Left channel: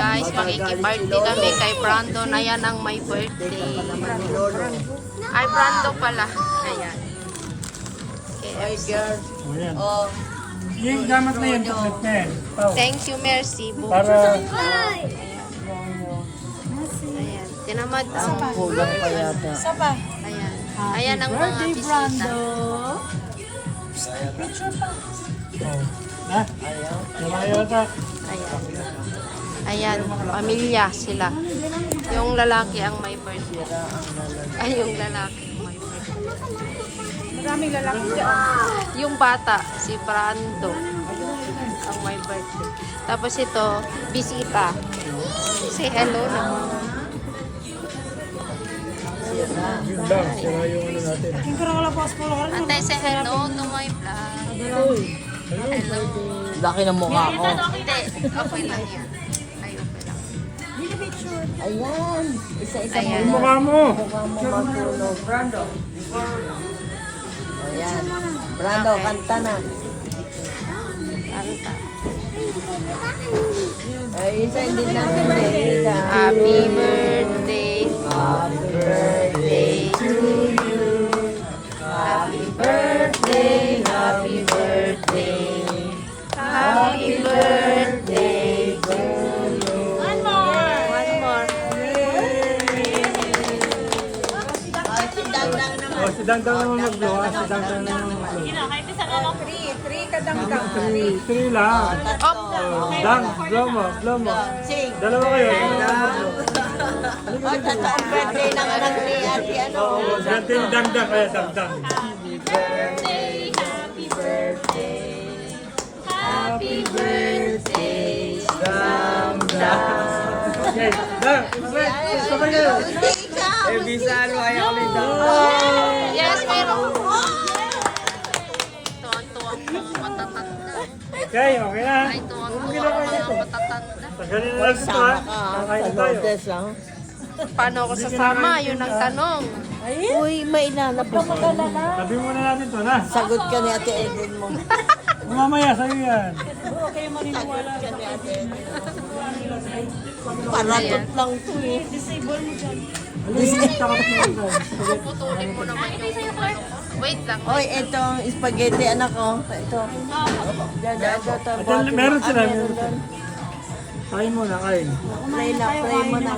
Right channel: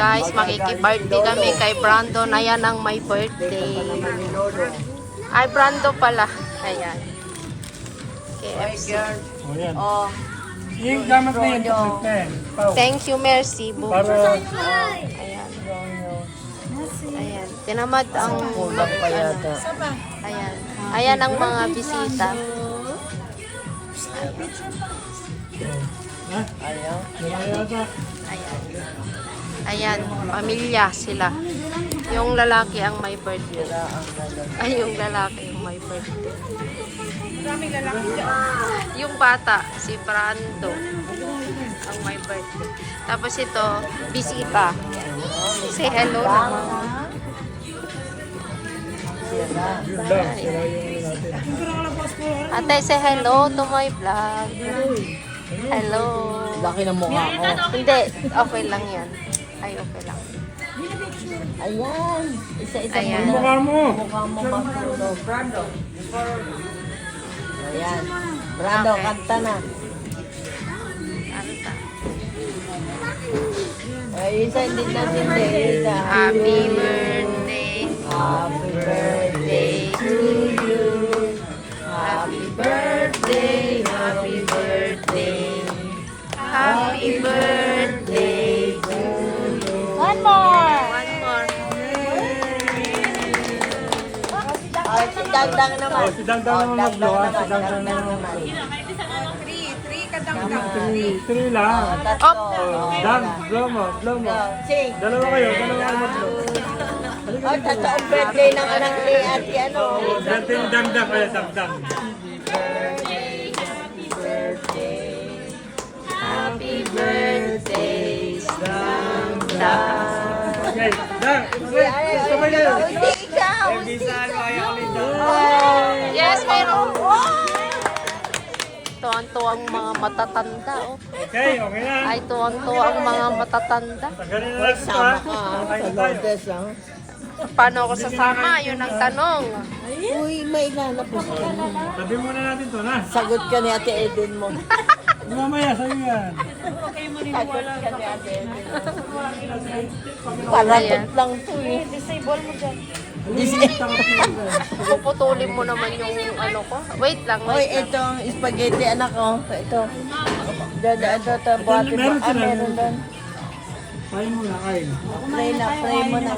guys, makiki-birthday kami kay Brandon. Ayan ang my birthday. Ay, Brando pala. Ayan. KFC. Ayan. Yung gamit na yan, chocolate na yan. Pao. Thank you, merci. Para Ayan. Ayan. Tinamad ang... kulang pa yata. Ayan. Ayan ang mga bisita. Ha? Ayaw. Yata. Ayan. Ayan. Pamilya sila. Yung lalaki ang may birthday. Ay, yung lalaki ang may birthday. Yung bata, si Brando, ang may birthday. Tapos ito, bisita. Say hello naman. Yun lang. Sira yung ano natin. Ate, say hello to my vlog. Hello. Laki ng mukha ko. Hindi, okay lang yan. Ay, okay lang. Ayan. Isa-isa Ayan. Yung mukha mo. Brando. Ayan. Brando, Okay. kanta na. Anta. Ay, isa hindi natin nakikita. Happy birthday. Happy birthday to you. Happy birthday, happy birthday. Happy birthday to you. One more. One more. Si Dangdang naman. Oh, si Dangdang naman mag-blow ha. Si Dangdang naman mag-blow. Three lang. Op. Oh, Dang, blow mo, blow mo. Dalawa kayo, dalawa ang mag-blow. Halika dito. Birthday naman ang Auntie ano. Oh, birthday ni Dangdang, kaya Dangdang. Happy birthday, Santa. Okay, Dang, sabay kayo. Eh, bisan mo, ayaw ko nito. Yes, mayroon. Tuwang-tuwang mga matatanda. Oh. Okay, okay na. Ay, tuwang-tuwang mga matatanda. Tagalin na lang ito, Sama ha? ka sa Lourdes lang. Paano ako sasama? Yun ang tanong. Uy, may ilalapos ka. Sabi muna natin ito, na. Sagot ka ni Ate Eden mo. Mamaya, sabi yan. Paratot lang to eh. Takot na ito. Puputulin mo naman yung ano ko. Wait lang, Hoy, wait lang. ito, spaghetti anak ko. Ito. At meron sila, meron sila. Kain muna, kain. Pray na, pray mo na.